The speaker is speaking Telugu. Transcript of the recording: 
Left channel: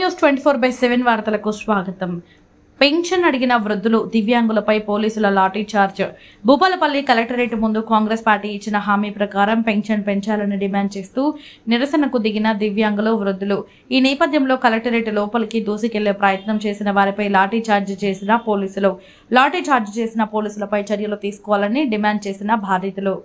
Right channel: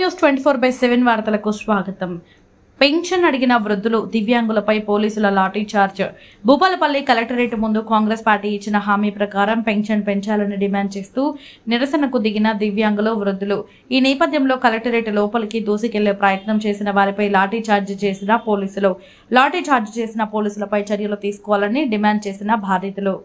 గ్లోబ్ న్యూస్ 24/7 వార్తలకు స్వాగతం. పెన్షన్ అడిగిన వృద్ధులు, దివ్యాంగులపై పోలీసుల లాఠీ చార్జ్. భూపాలపల్లి కలెక్టరేట్ ముందు కాంగ్రెస్ పార్టీ ఇచ్చిన హామీ ప్రకారం పెన్షన్ పెంచాలని డిమాండ్ చేస్తూ నిరసనకు దిగిన దివ్యాంగులు, వృద్ధులు. ఈ నేపథ్యంలో కలెక్టరేట్ లోపలికి దూసుకెళ్లే ప్రయత్నం చేసిన వారిపై లాఠీ చార్జ్ చేసిన పోలీసులు. లాఠీ చార్జ్ చేసిన పోలీసులపై చర్యలు తీసుకోవాలని డిమాండ్ చేసిన బాధితులు.